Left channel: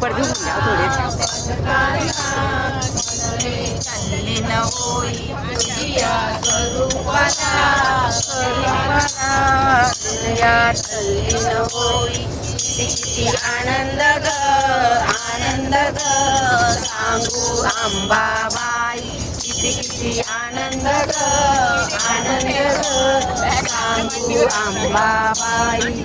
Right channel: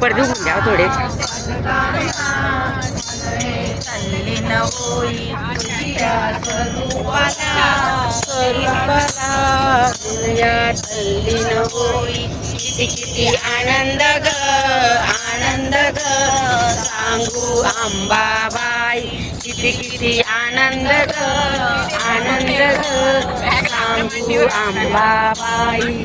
पडदे उघडून घ्या थोडे. होई किती किती आनंद ग आनंद ग सांगू अंबाबाई किती किती आनंद ग आनंद ग सांगू अंबाबाई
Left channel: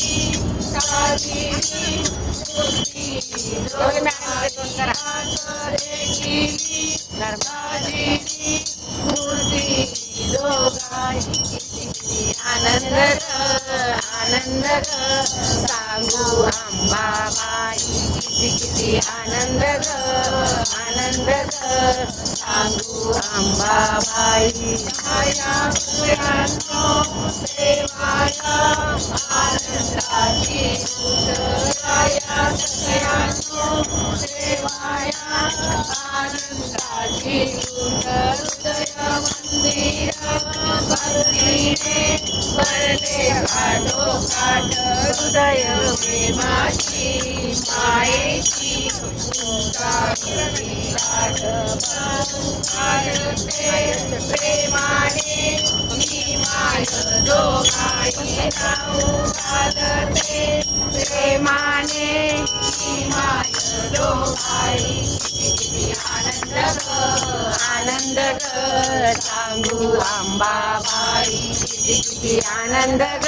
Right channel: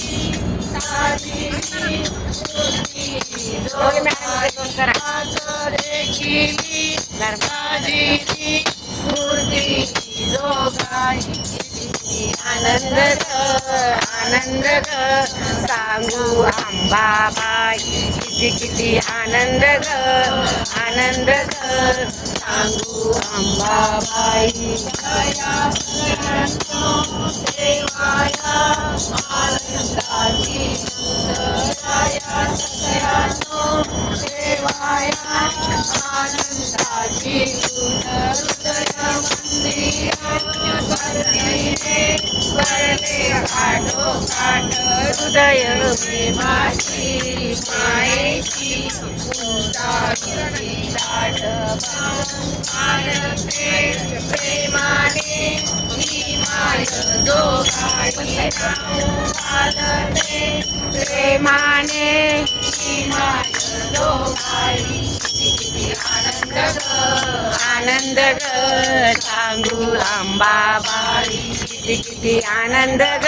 आनंद आनंद सांगू अंबाबाई किती किती आनंद ग आनंद ग सांगू अंबाबाई हृदय प्रेमाची मायेची प्रेमाने ही माय दोघाई घालते प्रेमाने ही माय दोघाई आनंद आनंद ग सांगू आंबाबाई किती किती आनंद ग